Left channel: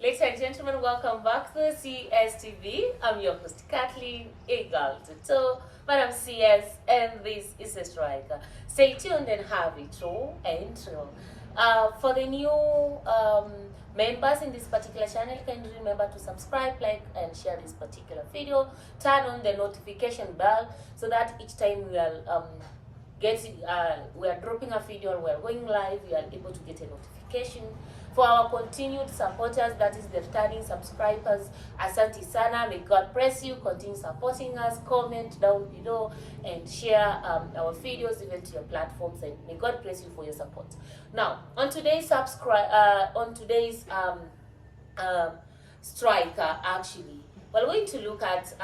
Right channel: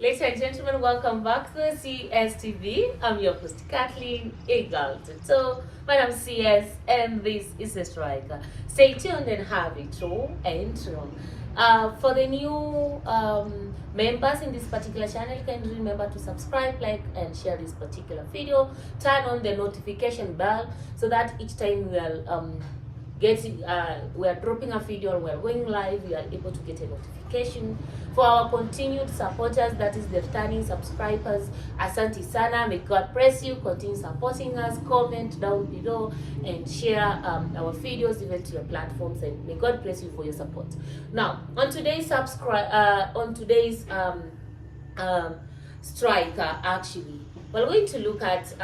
Ladies and gentlemen, welcome back to CSTV. I'm your host, Kathleen Eagleton. So, Madam CS, and this is a striker. Stay tuned and have it true and true. For the new members in this particular channel, can remember to subscribe, like, and share this particular video. Turn on the notification bell so that each time we are dropping a video, we are going live, we are able to get a notification. For our continued supporters, that is the returning subscribers, asante sana, may God bless you, continue supporting us, comment down below and share our videos even to your platforms, and may God bless you for your support. Now, on today's striker, actually, we're going to look at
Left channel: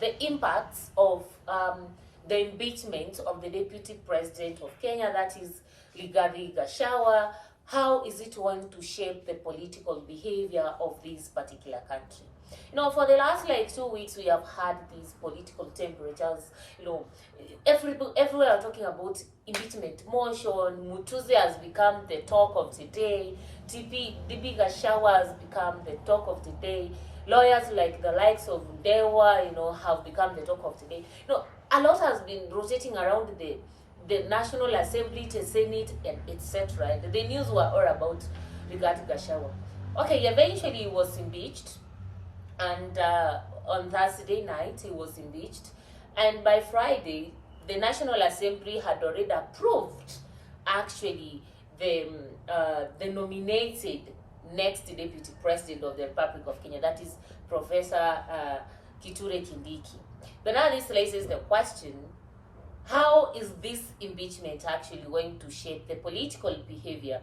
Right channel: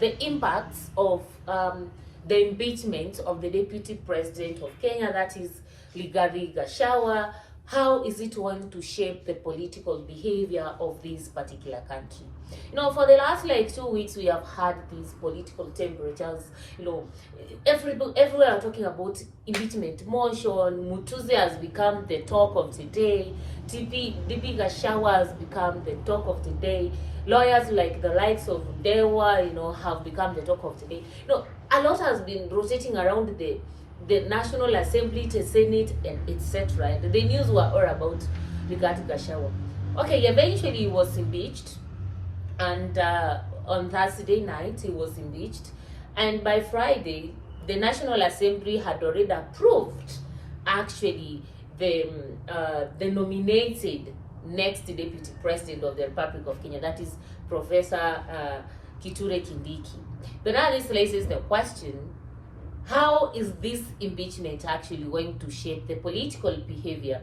the impacts of the impeachment of the Deputy President of Kenya, that is Gachagua. How is it going to shape the political behavior of this particular country? For the last 2 weeks, we have had these political temperatures. Everywhere are talking about impeachment motion. Mutuze has become the talk of the day. DP Gachagua has become the talk of the day. Lawyers like the likes of Dewa, have become the talk of the day. A lot has been rotating around the National Assembly, the Senate, and etc. And the news were all about Gachagua. Okay, eventually he was impeached, and on Thursday night he was impeached, and by Friday the National Assembly had already approved actually the nominated next deputy president of the Republic of Kenya, that is Professor Kithure Kindiki. But now this raises the question: how is this impeachment actually going to shape the political behavior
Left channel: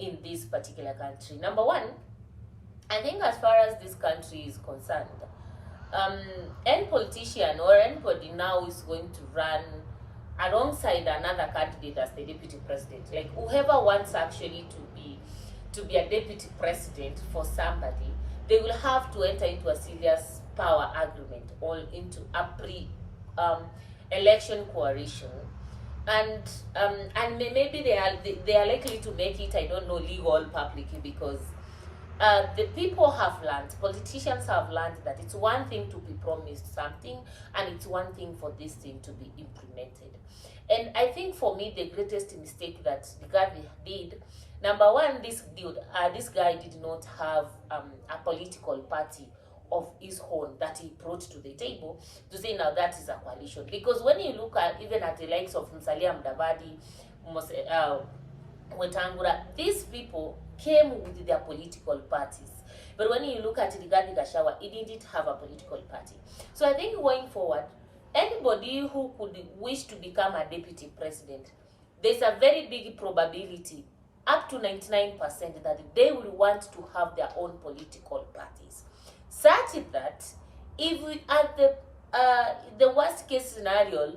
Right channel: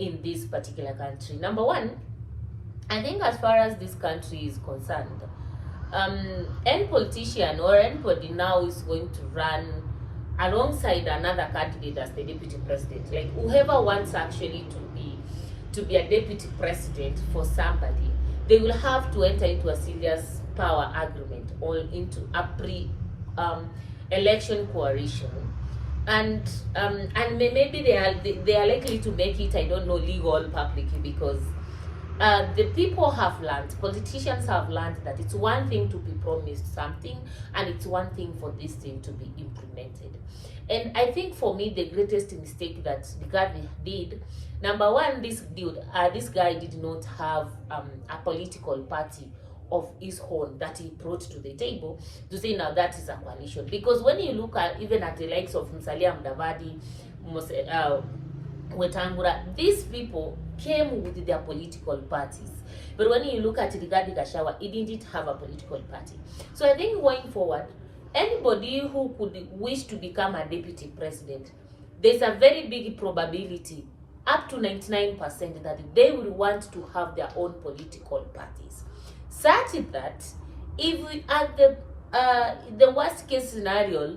in this particular country? Number one, I think as far as this country is concerned, any politician or anybody now is going to run alongside another candidate as the deputy president. Like whoever wants actually to be a deputy president for somebody, they will have to enter into a serious power agreement or into a election coalition, and maybe they are likely to make it, I don't know, legal publicly, because the people have learned, politicians have learned, that it's one thing to be promised something and it's one thing for this thing to be implemented. And I think for me the greatest mistake that the guy did, number one, this guy did not have a political party of his own that he brought to the table to say now that is a coalition. Because when you look at even at the likes of Musalia Mudavadi, Wetangula, these people came with their political parties. But when you look at Rigathi Gachagua, he didn't have a political party. So I think going forward, anybody who could wish to become a deputy president, there's a very big probability, up to 99%, that they will want to have their own political parties. Such that if we, at the worst case scenario,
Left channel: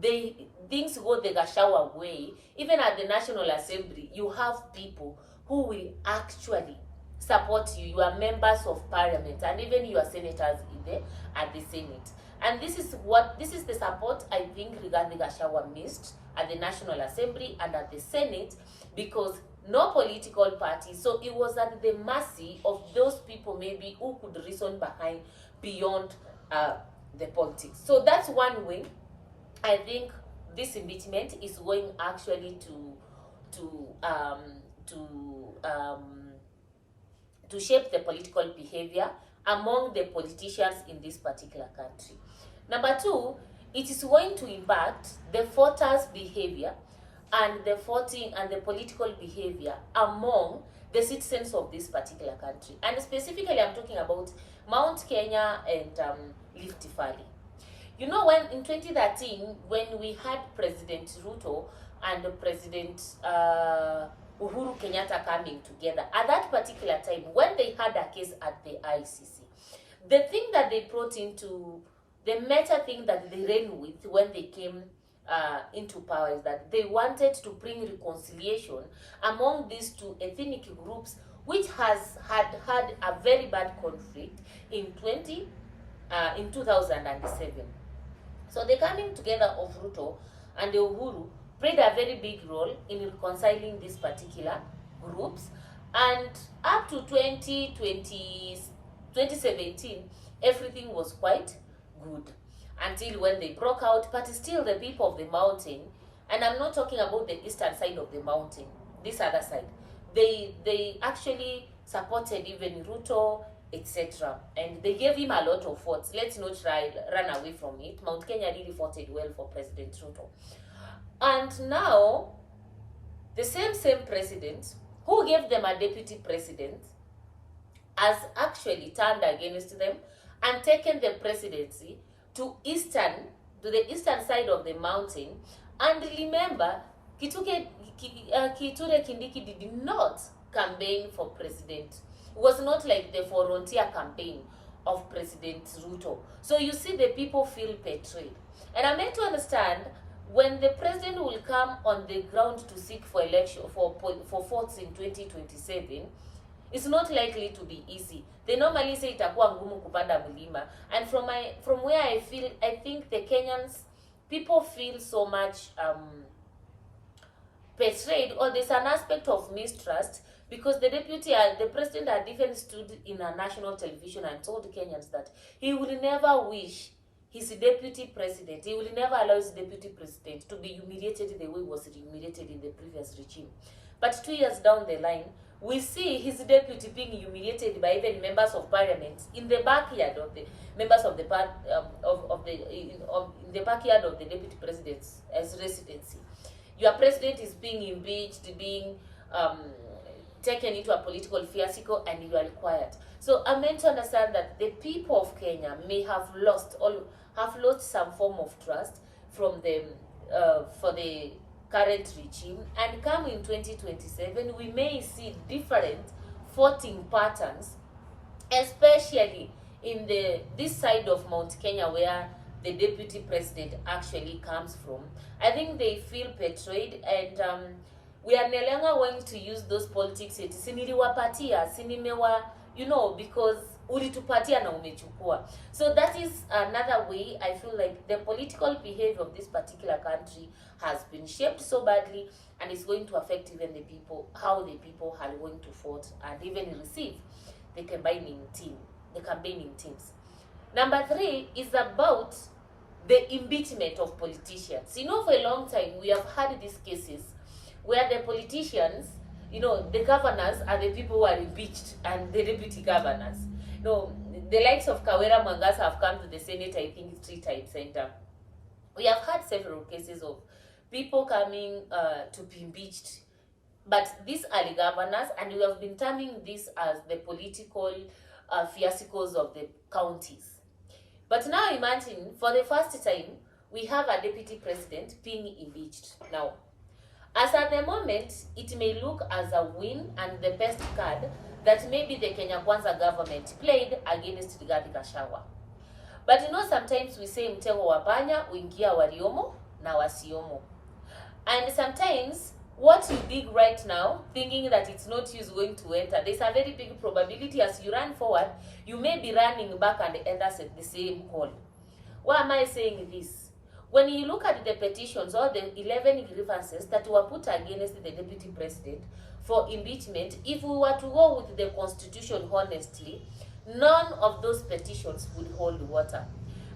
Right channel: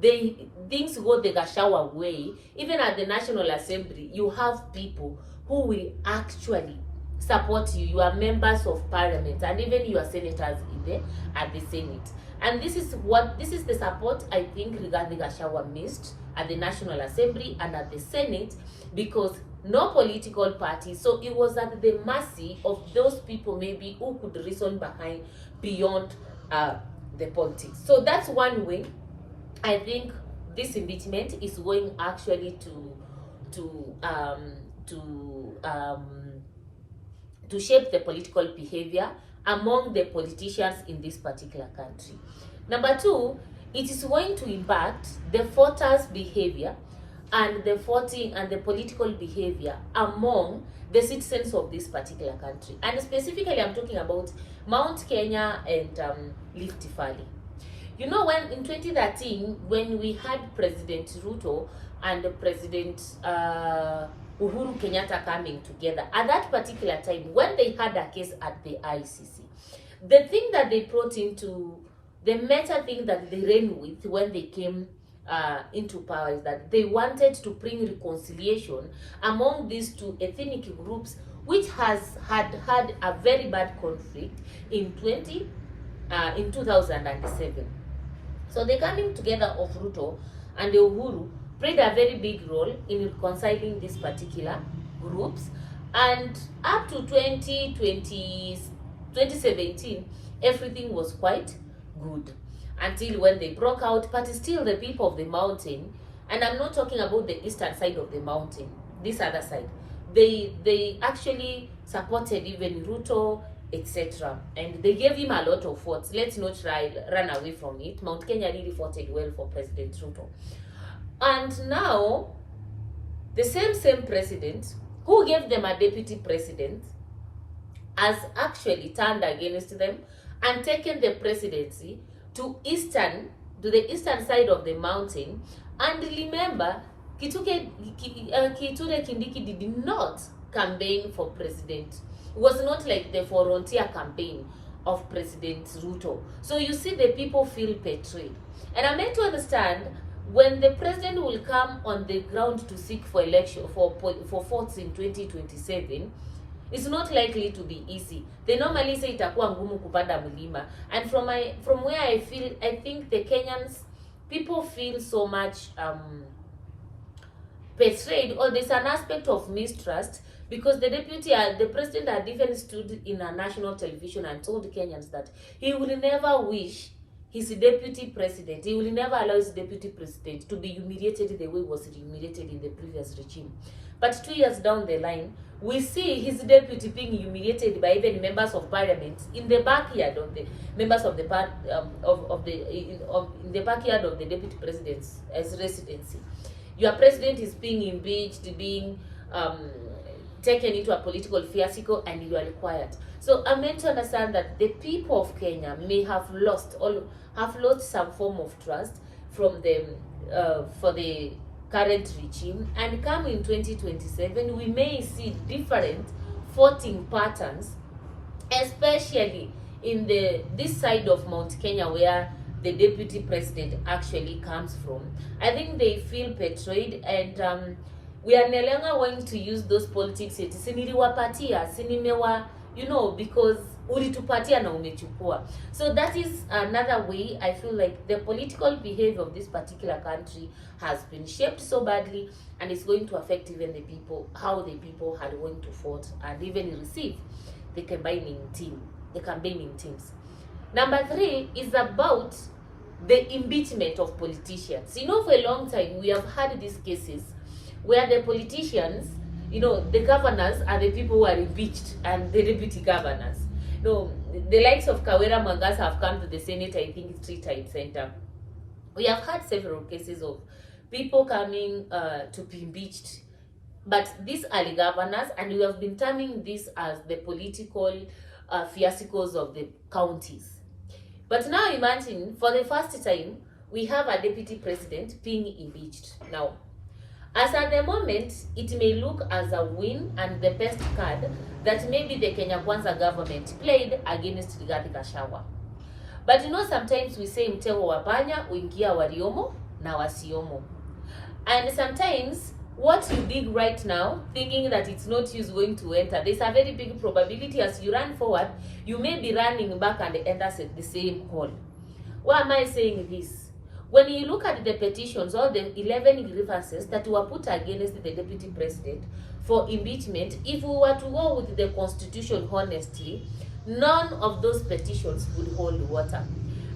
things go the Gachagua way, even at the National Assembly, you have people who will actually support you. You are members of parliament, and even your senators at the Senate. And this is the support I think Rigathi Gachagua missed at the National Assembly and at the Senate, because no political party. So it was at the mercy of those people maybe who could reason behind beyond the politics. So that's one way I think this impeachment is going actually to shape the political behavior among the politicians in this particular country. Number two, it is going to impact the voters' behavior and the voting and the political behavior among the citizens of this particular country. And specifically, I'm talking about Mount Kenya and Rift Valley. When in 2013, when we had President Ruto and President Uhuru Kenyatta coming together, at that particular time, when they had a case at the ICC, the thing that they brought into, the meta thing that they ran with when they came into power, is that they wanted to bring reconciliation among these two ethnic groups, which had a very bad conflict in 2007. So the coming together of Ruto and Uhuru played a very big role in reconciling these particular groups, And up to 2017, everything was quite good until when they broke out. But still, the people of the mountain, and I'm not talking about the eastern side of the mountain, this other side, they actually supported even Ruto, etc. And they gave him a lot of votes. Let's not run away from it. Mount Kenya really voted well for President Ruto. And now, the same president who gave them a deputy president has actually turned against them and taken the presidency to the eastern side of the mountain. And remember, Kiture Kindiki did not campaign for president. It was not like the volunteer campaign of President Ruto. So you see, the people feel betrayed. And I'm meant to understand, when the president will come on the ground to seek for election for votes in 2027, it's not likely to be easy. They normally say itakuwa ngumu kupanda mlima. And from where I think the Kenyans, people feel so much betrayed, or there's an aspect of mistrust, because the president had even stood in a national television and told Kenyans that he will never wish his deputy president, he will never allow his deputy president to be humiliated the way he was humiliated in the previous regime. But 2 years down the line, we see his deputy being humiliated by even members of parliament in the backyard of the members of the in the backyard of the deputy president's residency. Your president is being impeached, being taken into a political fiasco, and you are required. So I'm meant to understand that the people of Kenya may have lost some form of trust from them for the current regime, and come in 2027, we may see different voting patterns, especially in this side of Mount Kenya where the deputy president actually comes from. I think they feel betrayed, and we are no longer going to use those politics siniliwapatia sinimewa, because ulitupatia na umechukua. So that is another way I feel like the political behavior of this particular country has been shaped so badly, and it's going to affect even the people, how the people are going to vote and even receive the campaigning teams. Number 3 is about the impeachment of politicians. For a long time we have had these cases where the politicians, the governors are the people who are impeached, and the deputy governors. The likes of Kawera Mwangaza have come to the Senate, I think 3 times, and we have had several cases of people coming to be impeached. But these are the governors, and we have been terming this as the political fiascos of the counties. But now imagine, for the first time, we have a deputy president being impeached. Now, as at the moment, it may look as a win and the best card that maybe the Kenya Kwanza government played against Gachagua. But sometimes we say mtego wa panya uingia waliomo na wasiomo. And sometimes what you dig right now, thinking that it's not you going to enter, there's a very big probability as you run forward, you may be running back and end up at the same hole. Why am I saying this? When you look at the petitions, all the 11 grievances that were put against the deputy president for impeachment, if we were to go with the constitution honestly, none of those petitions would hold water.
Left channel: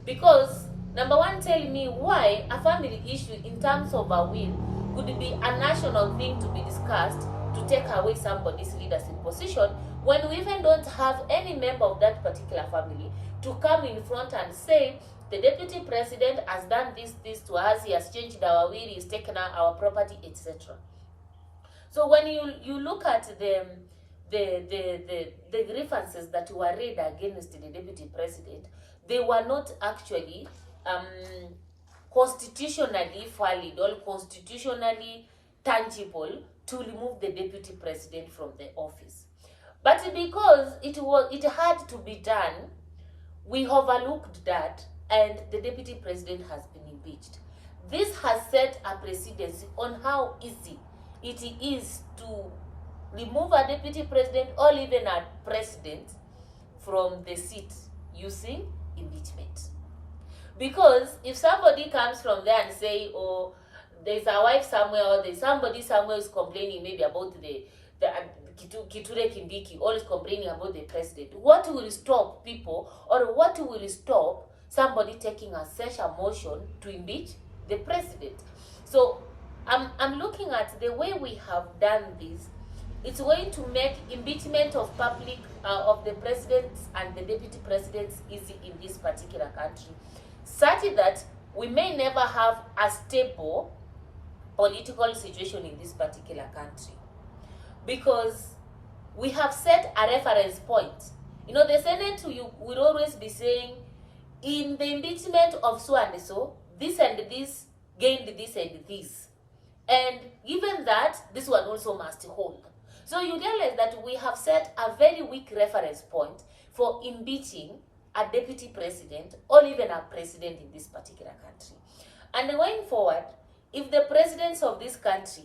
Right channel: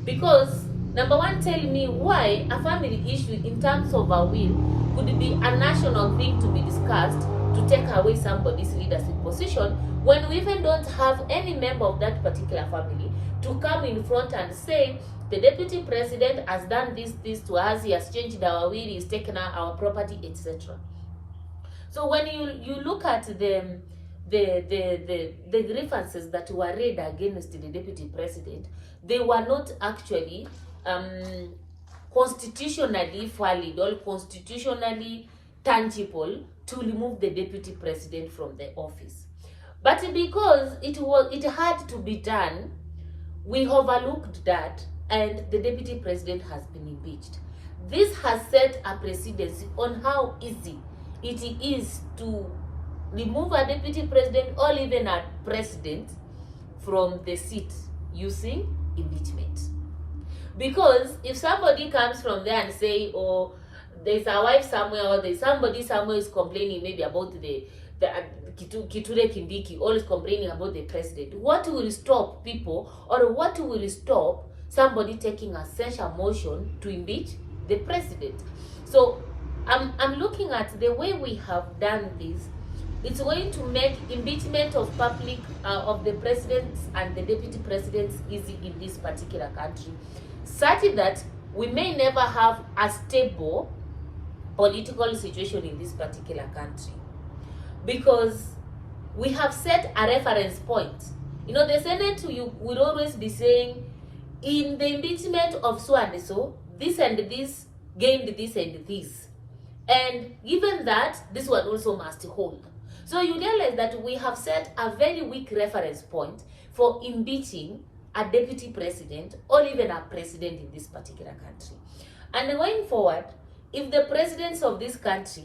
Because, number one, tell me why a family issue in terms of a will could be a national thing to be discussed to take away somebody's leadership position, when we even don't have any member of that particular family to come in front and say, the deputy president has done this to us, he has changed our will, he's taken our property, etc. So when you look at the grievances that were raised against the deputy president, they were not actually constitutionally valid or constitutionally tangible to remove the deputy president from the office. But because it had to be done, we overlooked that, and the deputy president has been impeached. This has set a precedent on how easy it is to remove a deputy president or even a president from the seat using impeachment. Because if somebody comes from there and say, oh, there's a wife somewhere, or there's somebody somewhere is complaining maybe about the Kithure Kindiki always complaining about the president. What will stop people, or what will stop somebody taking a censure motion to impeach the president? So I'm looking at the way we have done this. It's going to make impeachment of public of the presidents and the deputy presidents easy in this particular country, such that we may never have a stable political situation in this particular country, because we have set a reference point. You know, the Senate will always be saying, in the impeachment of so and so, this and this gained this and this, and given that, this one also must hold. So you realize that we have set a very weak reference point for impeaching a deputy president or even a president in this particular country. And going forward, if the presidents of this country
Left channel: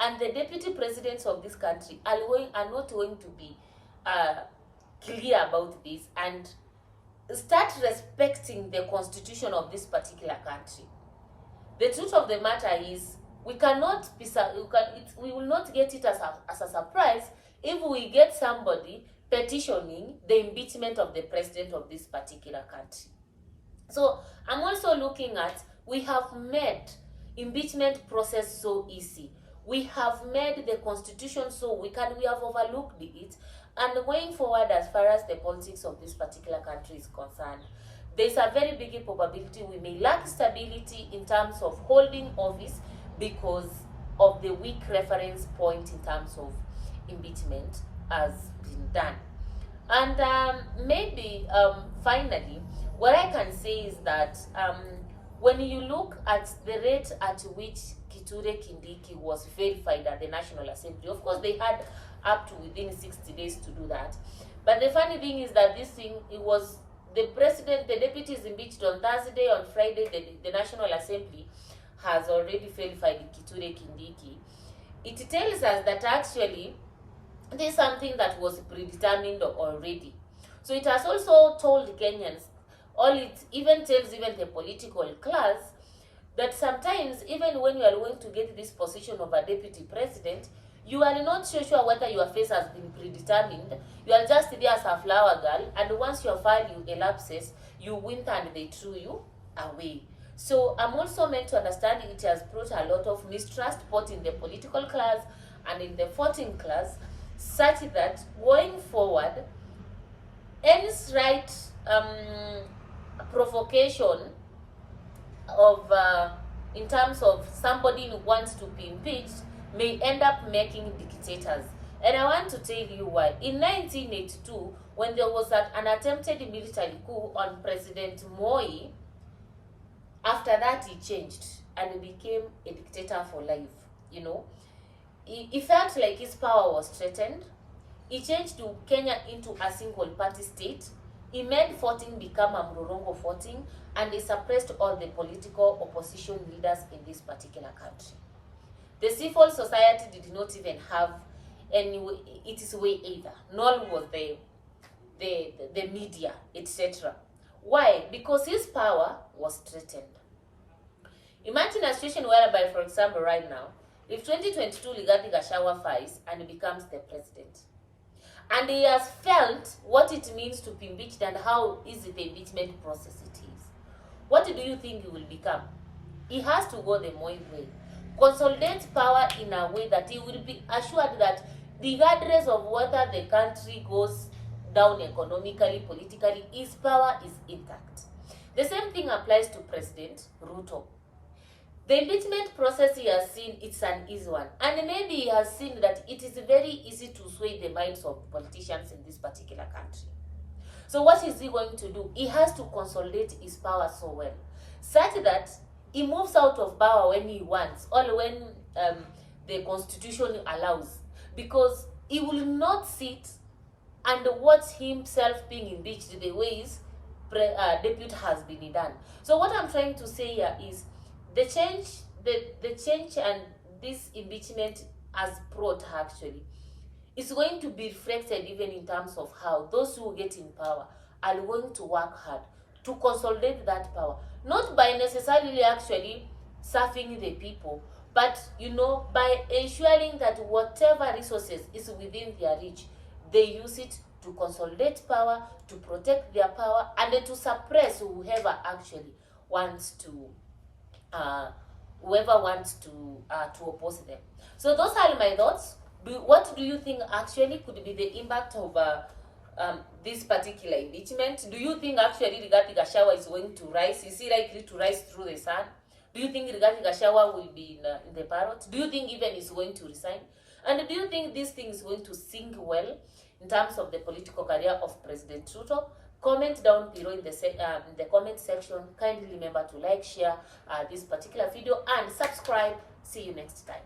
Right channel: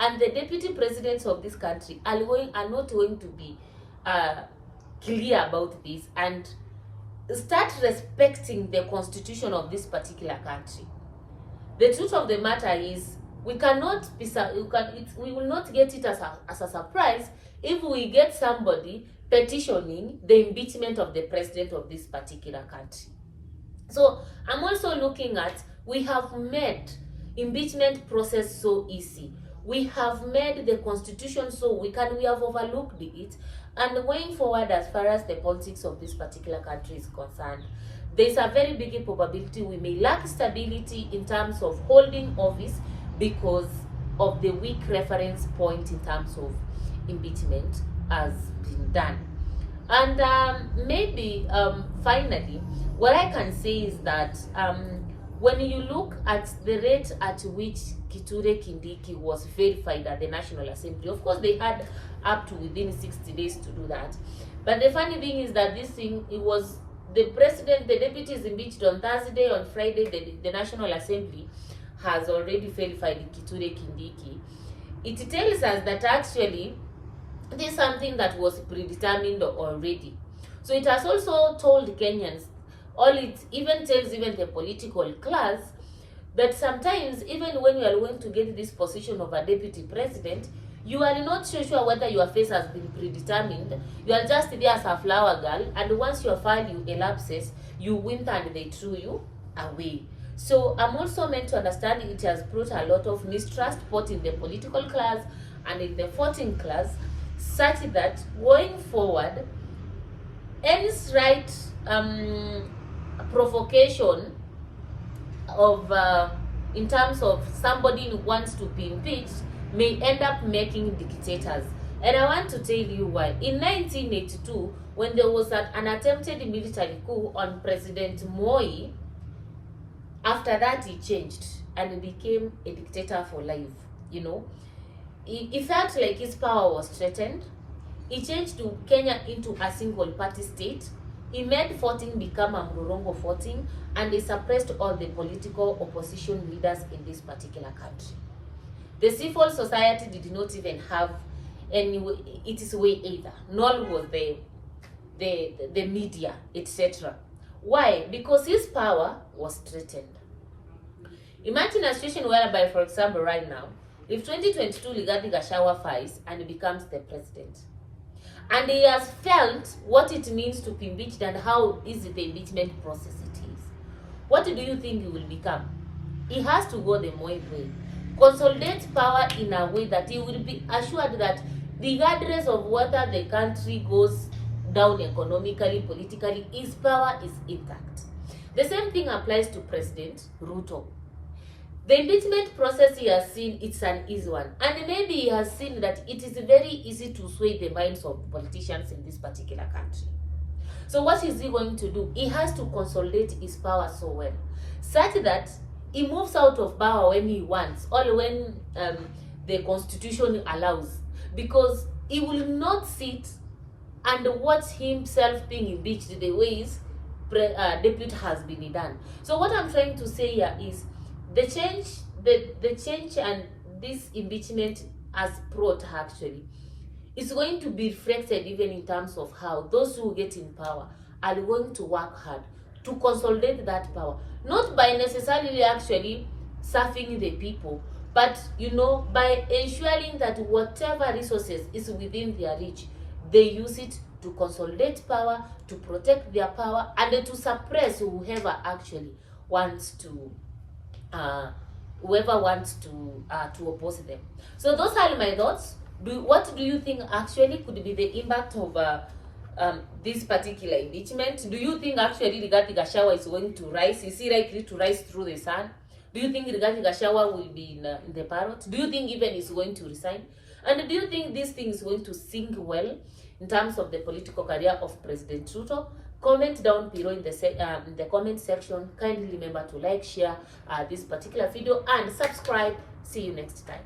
and the deputy presidents of this country are not going to be clear about this and start respecting the constitution of this particular country, the truth of the matter is we will not get it as a surprise if we get somebody petitioning the impeachment of the president of this particular country. So I'm also looking at, we have made impeachment process so easy. We have made the constitution so we have overlooked it. And going forward, as far as the politics of this particular country is concerned, there is a very big probability we may lack stability in terms of holding office because of the weak reference point in terms of impeachment has been done. And maybe finally, what I can say is that when you look at the rate at which Kithure Kindiki was verified at the National Assembly, of course they had up to within 60 days to do that. But the funny thing is that this thing, it was the president, the deputy is impeached on Thursday. On Friday, the National Assembly has already verified Kithure Kindiki. It tells us that actually this is something that was predetermined already. So it has also told Kenyans, it even tells even the political class, that sometimes even when you are going to get this position of a deputy president, you are not so sure whether your face has been predetermined. You are just there as a flower girl, and once your value elapses, you win and they threw you away. So I'm also meant to understand it has brought a lot of mistrust both in the political class and in the voting class, such that going forward, any slight provocation of in terms of somebody who wants to be impeached may end up making dictators. And I want to tell you why. In 1982, when there was an attempted military coup on President Moi, after that he changed and became a dictator for life. You know, he felt like his power was threatened. He changed to Kenya into a single party state. He made voting become a Mlolongo voting, and he suppressed all the political opposition leaders in this particular country. The civil society did not even have its way either, nor was the media, etc. Why? Because his power was threatened. Imagine a situation whereby, for example, right now, if 2022 Gachagua files and becomes the president, and he has felt what it means to be impeached and how easy the impeachment process it is, what do you think he will become? He has to go the Moi way. Consolidate power in a way that he will be assured that regardless of whether the country goes down economically, politically, his power is intact. The same thing applies to President Ruto. The impeachment process he has seen, it's an easy one. And maybe he has seen that it is very easy to sway the minds of politicians in this particular country. So what is he going to do? He has to consolidate his power so well, such that he moves out of power when he wants, or when the constitution allows. Because he will not sit and watch himself being impeached the way his deputy has been done. So what I'm trying to say here is, the change and this impeachment has brought actually is going to be reflected even in terms of how those who get in power are going to work hard to consolidate that power, not by necessarily actually serving the people, But you know, by ensuring that whatever resources is within their reach, they use it to consolidate power, to protect their power, and to suppress uh, whoever wants to oppose them. So those are my thoughts. What do you think actually could be the impact of this particular impeachment? Do you think actually Rigathi Gachagua is going to rise? Is he likely to rise through the sun? Do you think Rigathi Gachagua will be in the ballot? Do you think even he's going to resign? And do you think this thing is going to sink well in terms of the political career of President Ruto? Comment down below in the comment section. Kindly remember to like, share this particular video, and subscribe. See you next time.